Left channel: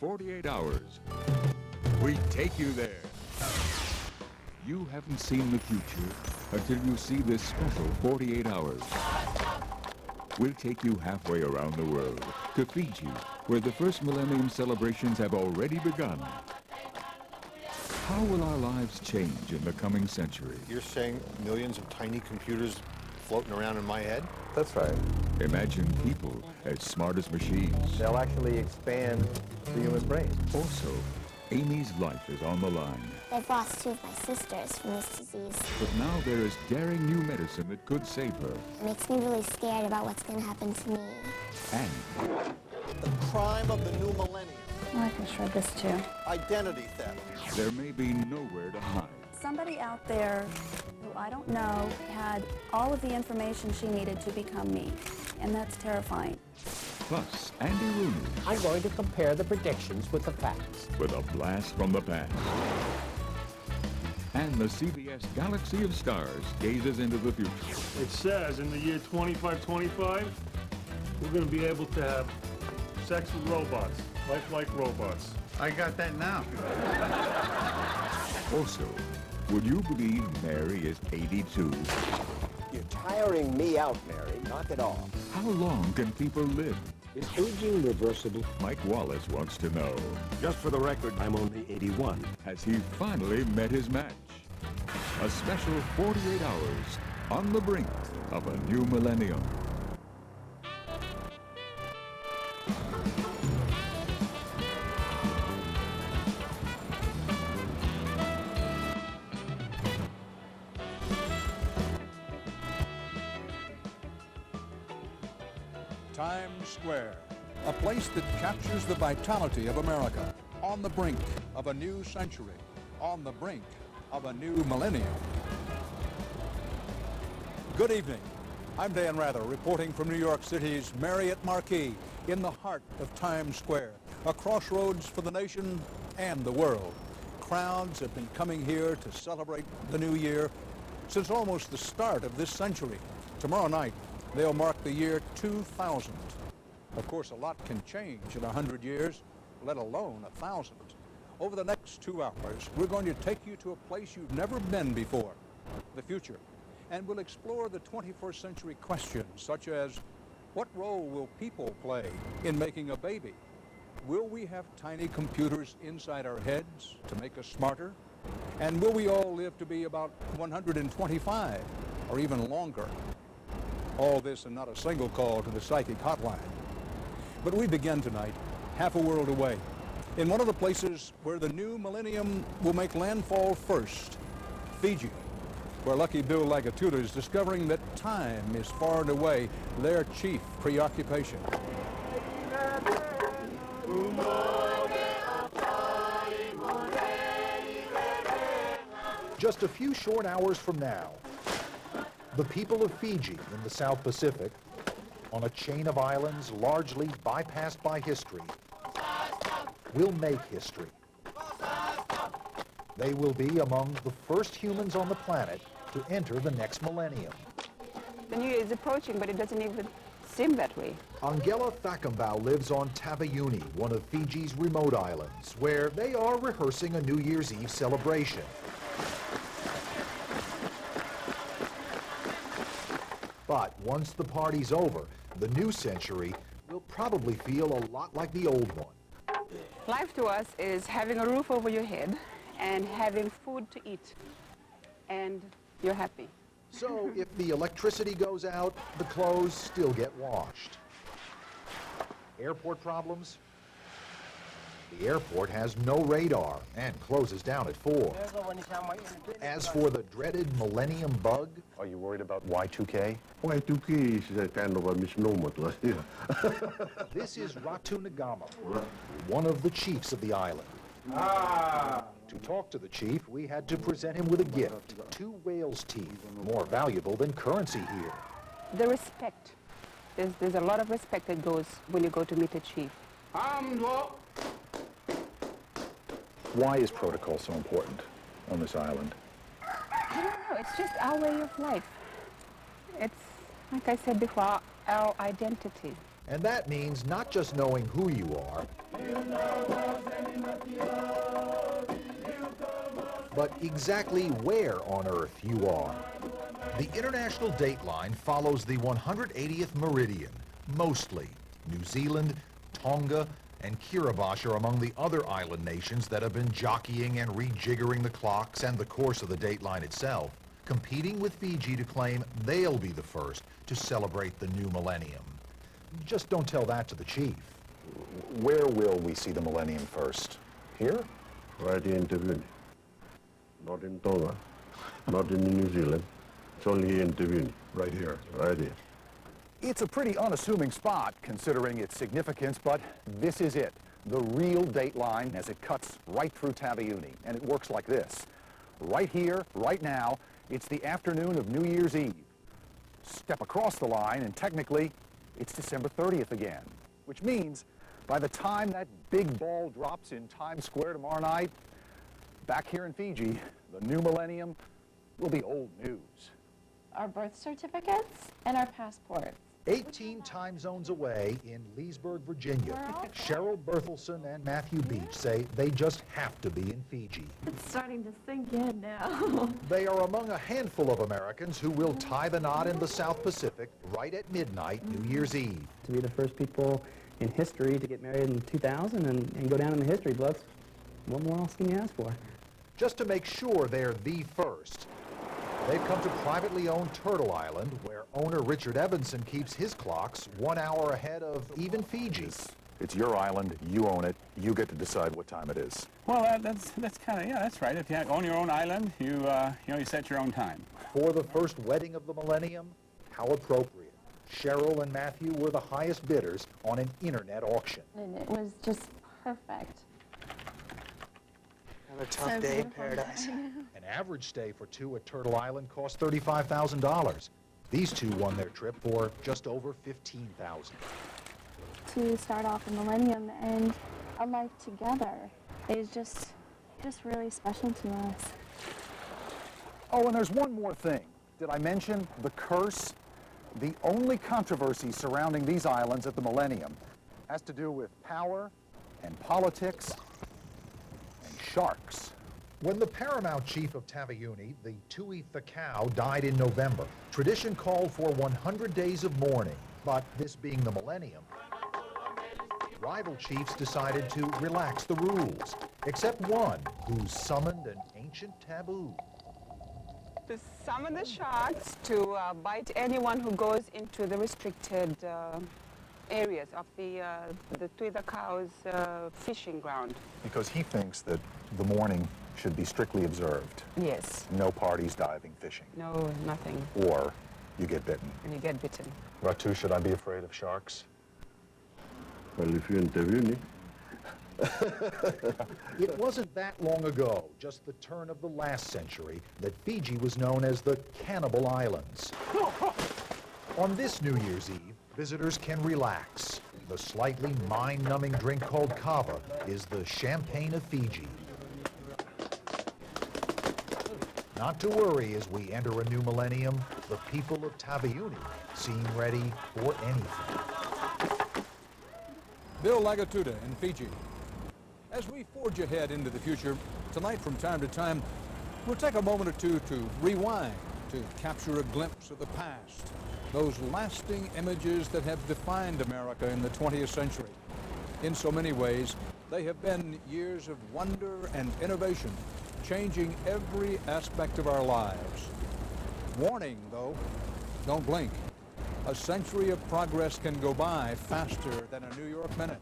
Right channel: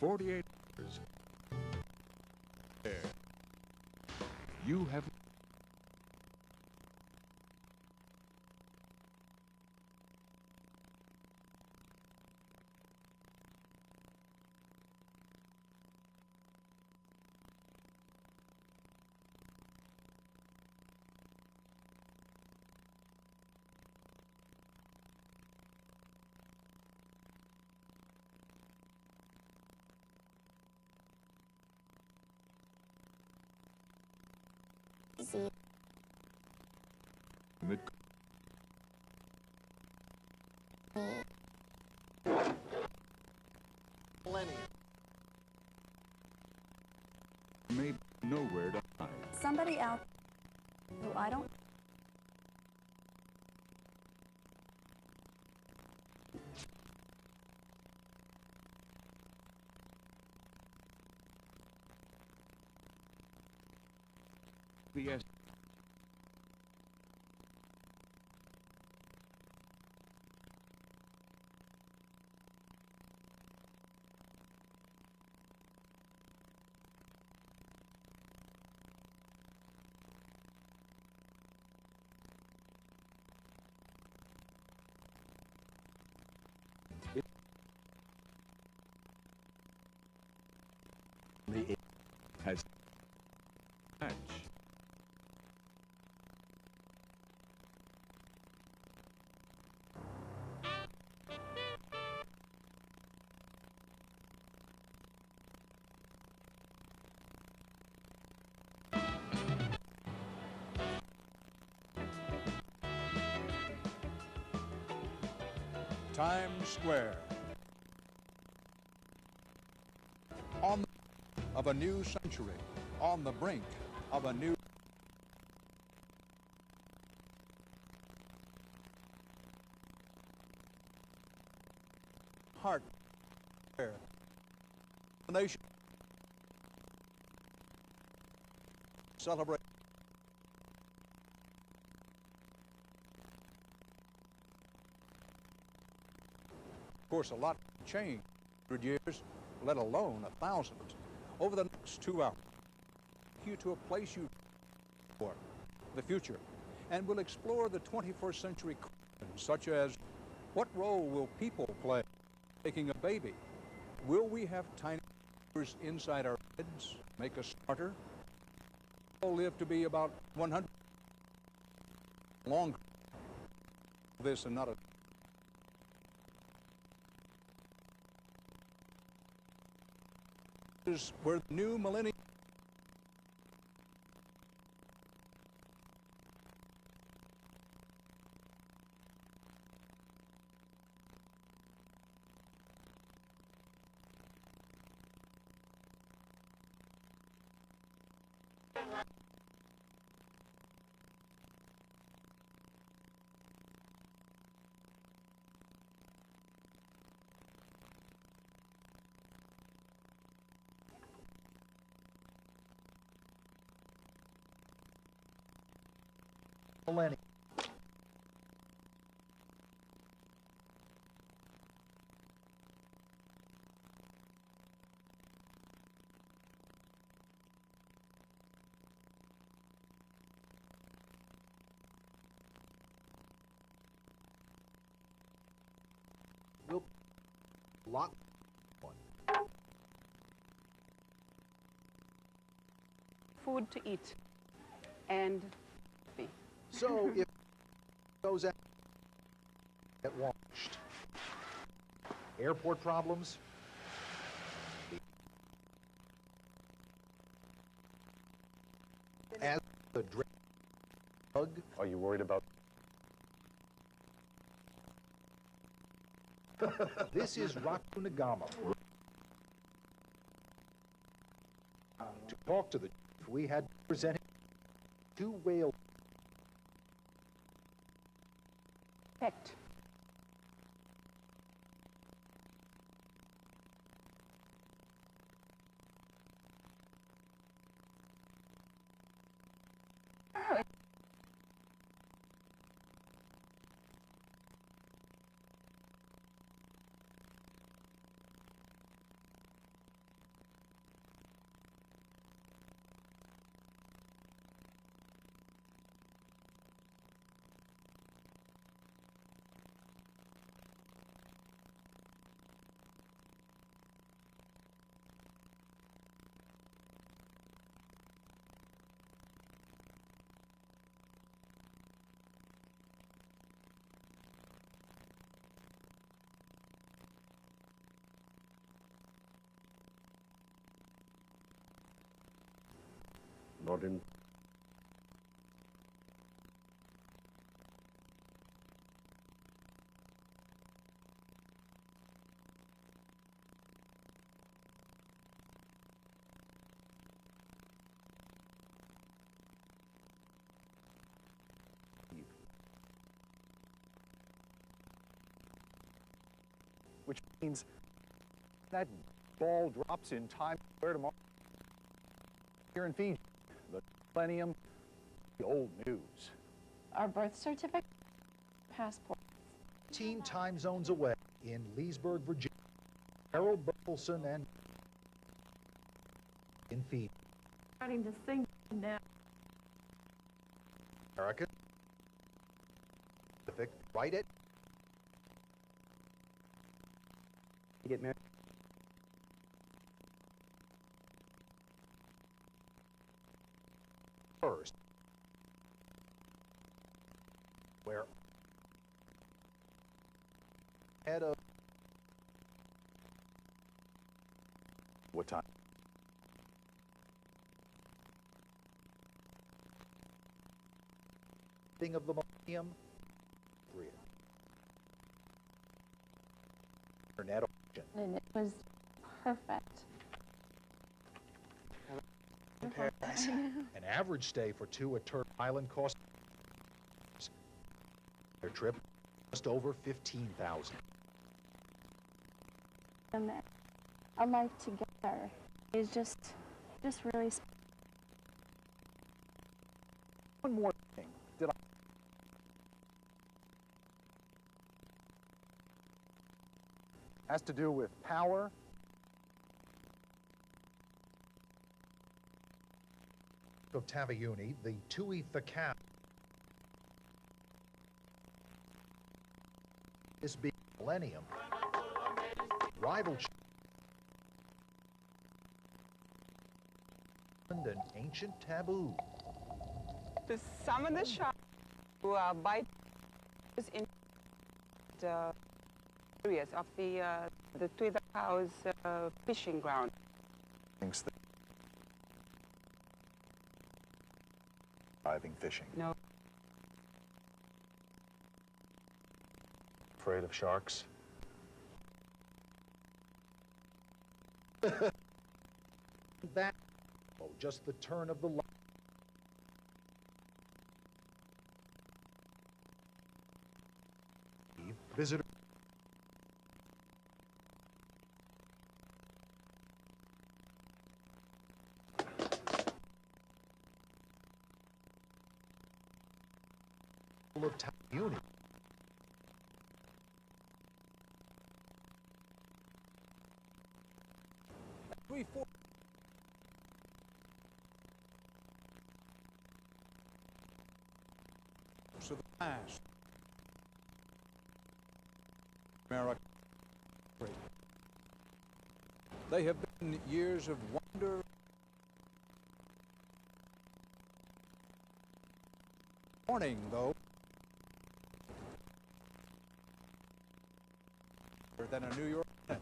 48 hours. We take you there. You haven't seen the future until you see this special 48 hours. We'll take you halfway around the world, to Fiji, where the first millennium celebrations have already begun. How will our lives change in the coming century? You're saying millions of tiny computers floating around in my head? That's right. Imagine people as smart as machines. They'll actually expand the human brain. Also, Amy's life is on the line. I've lost two of my sisters from this disease. But now there is daring new medicine that could save her. It makes me really scared about what's going to happen to me. And The crime of the new millennium. Oh, I can shred this too. Identity theft. there may be nowhere to hide. Somebody out there who I don't know had all of the information she needed to become me, and that's terrifying. Plus, Andy Rooney I'm going to compare the predictions with the facts. with a blast from the past. And the CBS Galaxy of Stars gazes into the future. It says in the year 2525, we're going to be able to have sex with robots, lifelike robots. I got that now. Also, would you believe Mary is 82? You're tiring me out, Mary. Knock it off. How long can people live? Is aging reversible? Mike Wallace wants to know. Just for the record, I'm only 81. Has he finally met his match? A special 48 hours on the brink of a new millennium. Times Square, a place that captures the vitality of America, on the brink of a new century, on the brink of a new millennium. Good evening. I'm Dan Rather, reporting from New York City's Marriott Marquis, in the heart of Times Square, a crossroads for the nation and the world. Crowds have been coming here to celebrate the new year since almost the start of this century. Tomorrow night, they'll mark the year 2000. Of course, a lot can change in 100 years, let alone 1,000. Over the next 2 hours, we're going to take you to a place you've never been before, the future. And we'll explore the 21st century questions, such as, what role will people play in making a baby? Will we have tiny computers inside our heads to make us smarter? And will we all live to be about 125 or even longer? All this and not a single call to the psychic hotline. But we begin tonight, half a world away, in one of the places where the new millennium will make landfall first, Fiji, where lucky Bill Lagatuda is discovering that time is far and away their chief preoccupation. Just a few short hours from now, the people of Fiji in the South Pacific, on a chain of islands largely bypassed by history, will make history. They will be among the first humans on the planet to enter the next millennium. The new year is approaching, but it doesn't even seem that way. Angela Thakambau lives on Taveuni, one of Fiji's remote islands, where they are rehearsing a New Year's Eve celebration. But once the party's over, the new century will probably feel a lot like the old one. Life to us is having a roof over your head and having food to eat, and you're happy. So if the electricity goes out, the clothes still get washed. Airport problems? The airport has no radar and closes down at 4. As for the dreaded millennium bug... Are you worried about Y2K? Y2K is a kind of a misnomer to us here. This is Ratu Nagama, one of the chiefs of the island. To talk to the chief, we had to present him with a gift, 2 whale's teeth, more valuable than currency here. The respect. There's a lot of respect that goes when you go to meet a chief. Why is protocol so important on this island? I don't know, it's just our way of life. It's, like I said before, our identity. And that means not just knowing who you are, but exactly where on Earth you are. The international dateline follows the 180th meridian, mostly. New Zealand, Tonga, and Kiribati are among the other island nations that have been jockeying and rejiggering the clocks and the course of the dateline itself, competing with Fiji to claim they'll be the first to celebrate the new millennium. Just don't tell that to the chief. Where will we see the millennium first? Here? Right here in Tavuni. Not in Tonga, not in New Zealand. It's only here in Tavuni. Right here. Right here. It's a pretty unassuming spot considering its significance, but this is it. The real dateline as it cuts right through Taveuni. And it works like this. Right here, right now, it's the afternoon of New Year's Eve. Step across the line and technically it's December 30th again, which means by the time that big ball drops in Times Square tomorrow night, back here in Fiji, the new millennium will be old news. Our birth certificates and our passports. 18 time zones away in Leesburg, Virginia, Cheryl Berthelsen and Matthew Beach say they just have to be in Fiji. It's starting to sink in now. They are among a handful of Americans who will tie the knot in the South Pacific right at midnight New Year's Eve. To be the first people in history to get married in 2000 and go down in the history books, what more else can you ask for? Just to make sure they're the first, they've come to privately owned Turtle Island, where owner Richard Evanson keeps his clocks 1 hour ahead of even Fiji's. It's your island, you own it, you get to decide what time it is. Well, that's kind of, yeah, that's right. If you own your own island, you set your own time. For the first wedding of the millennium, how appropriate. Cheryl and Matthew were the highest bidders on an internet auction. And it was just perfect. Another tough day in paradise. An average stay for two at Turtle Island cost $35,000. These two won their trip for just over $15,000. To start off a millennium and a life together is just really special to us. Oh, and there's one more thing. Did I mention the curse? The only controversy surrounding these islands at the millennium has to do with power and politics and sharks. When the paramount chief of Taveuni, the Tui Thakau, died in November, tradition called for 100 days of mourning. But this being the millennium, rival chiefs decided to relax the rules, except one who summoned an ancient taboo. To summon the sharks to bite anyone who goes into the restricted areas of the Tui Thakau's fishing ground. Because he thinks that the mourning should be strictly observed. Yes. No parties, diving, fishing. No, nothing. Or you get bitten. And you get bitten. Ratu, should I be afraid of sharks? Well, if you're in Tavuni. It wasn't that long ago, just the turn of the last century, that Fiji was known as the Cannibal Islands. On this New Year's Eve, visitors can relax. The slightly mind-numbing drink called kava is the champagne of Fiji. Not to worry as we enter a new millennium, the people of Taveuni seem ready for anything. Bill Lagatuda in Fiji. As we forge ahead into the future, tonight from time to time, we'll take a moment or two to rewind, to capture a glimpse of the past, those lasting images that have defined America in the 20th century. In so many ways, they have been years of wonder and innovation, changing every aspect of our lives. Warning, though, don't blink. A century of progress can go by faster than a New York minute.